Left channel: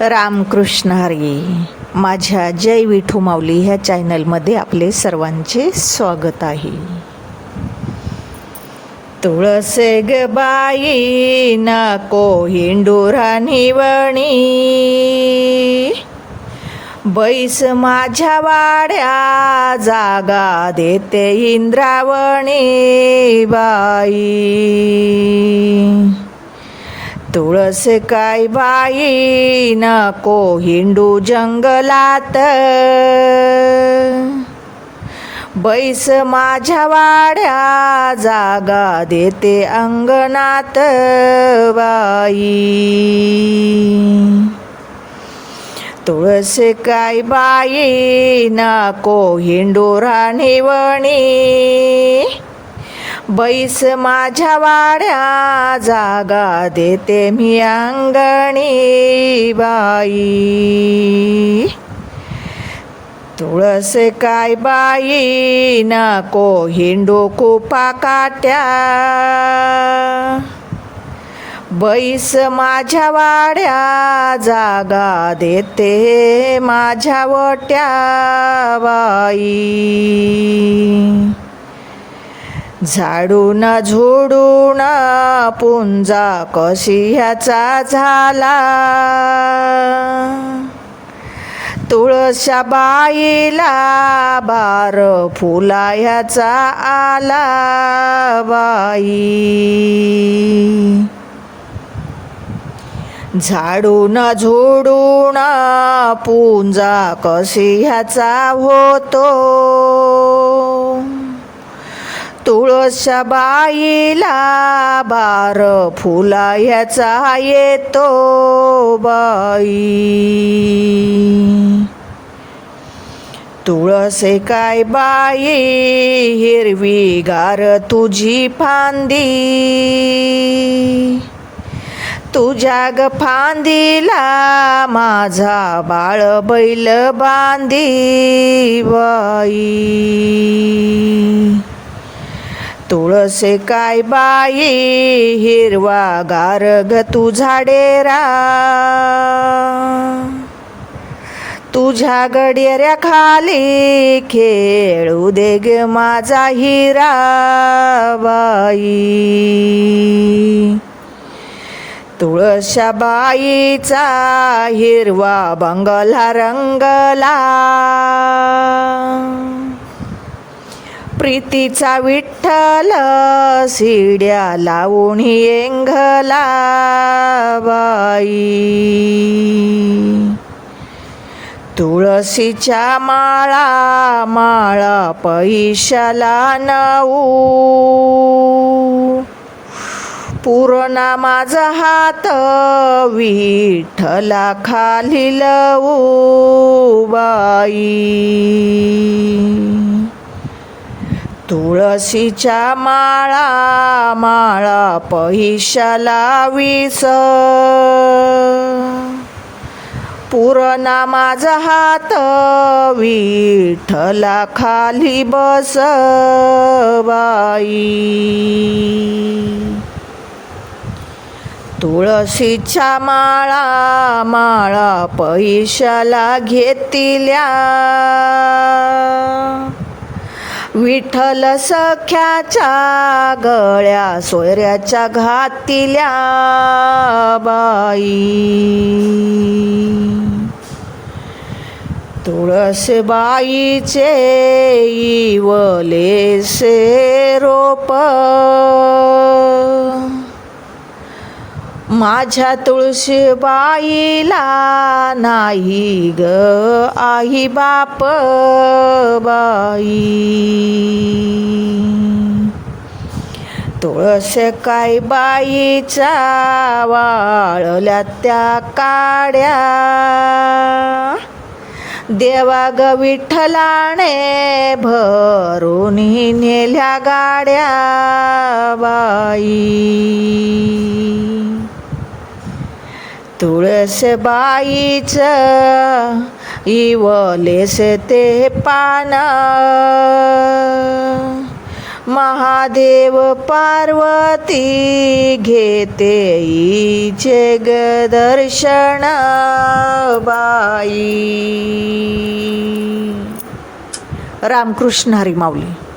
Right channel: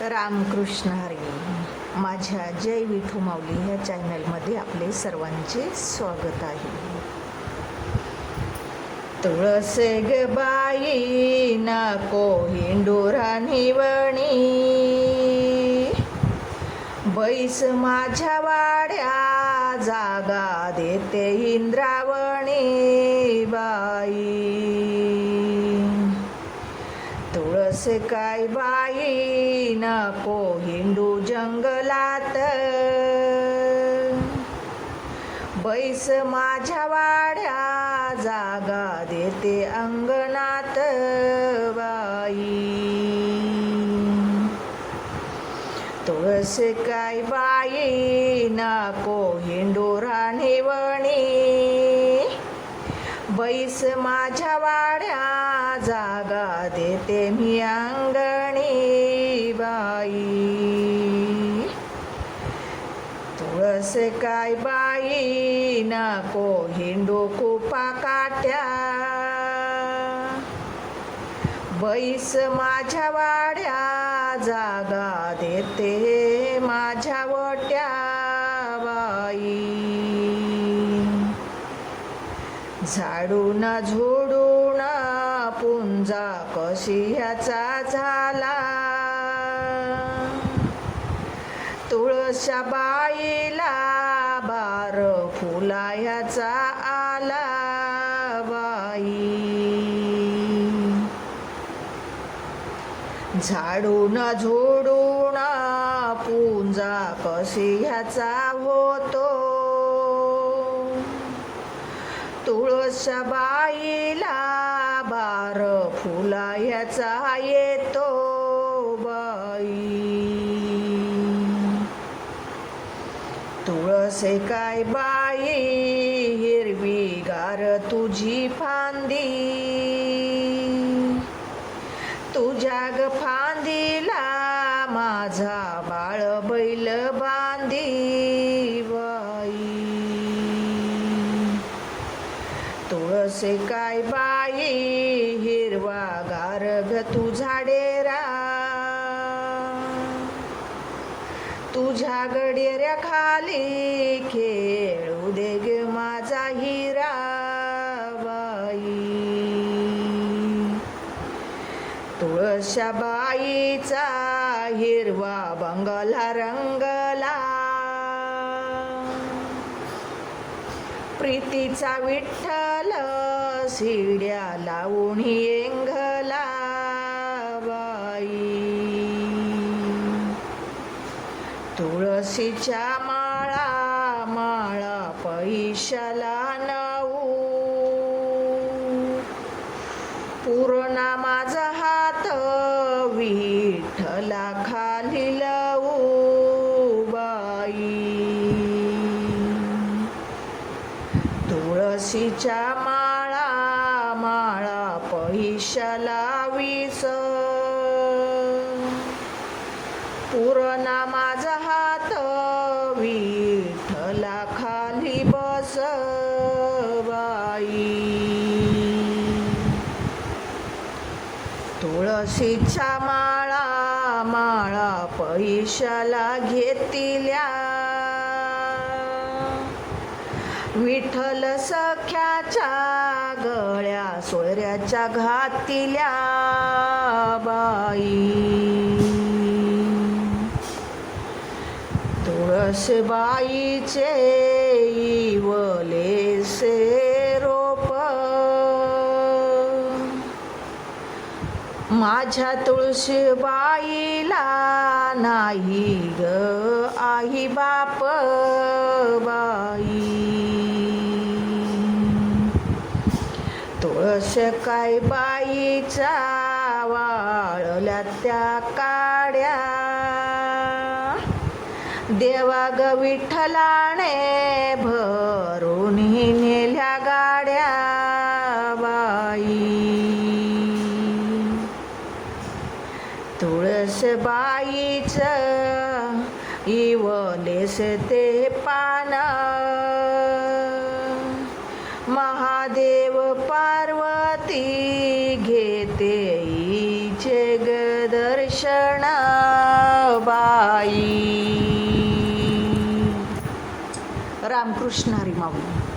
रामकृष्ण हरी माझ्या जय विठू माऊली ह्या चॅनलमध्ये आपले सर्वांचे स्वागत आहे. तुळसे ग बाई नको हिंडुरा निवणी बैस माझ्या वाड्या जागा देते इंद्रावणी बाई. तुळस काय बाई नको हिंडू जंगलात. बैस माझ्या वाड्या जागा देते अंगणात बाई. तुळस काय बाई नको हिंडू राणीवणी. बैस माझ्या वाड्या जागा देते मी अंगणी बाई. तुळस काय बाई नको हिंडू कुपा काट्या. बैस माझ्या वाड्या जागा देते माझ्या वट्या बाई. झाडून झोडून पुंजा कशी ह्याचा झाला? तुळशा बाईला बार फुला ह्याचा आला बाई. झाडून झोडून पुंजा कशी ह्याचा होतो? तुळशा बाईला बार फुला ह्याचा येतो बाई. तुळसे काय बाई हिरवी गार तुझी फांदी. तुझ्या ग फांदीला माझा बाळ बैल बांधी बाई. तुळसे काय बाई हिरवा गारग तू झाडेरा. तुझ्या गडियऱ्या खाली खेळू दे ग माझा हिरा बाई. तुळशा बाईचा हिरवा बंगला रंगला. प्रीतीचा विठ्ठल शिड्या लावून येंगला बाई. तुळशीच्या माळा माळा पैशाला नऊ. पूर्णा माझा हात विठ्ठला खाली लवू बाई. तुळशीच्या माळा माळा पैशाला विस पुरणा माझा हात विठला खाली बस बाई तुळशीच्या माळा माळा पैशाला घेतिल्या. विठ्ठल सख्याच्या गळ्या सोयऱ्याच्या घातिल्या बाई. इवले शेरोप रोप. माझ्या तुळशीबाईला नाही ग. आई बाप बाई. तुळस काय बाईचा वाळल्या त्या काड्या. देवा ग विठ्ठलाने भरून तुळसबाईच इवलेस ते पान. महादेव पार्वती घेते ईचे दर्शन बाई. रामकृष्ण हरिमावली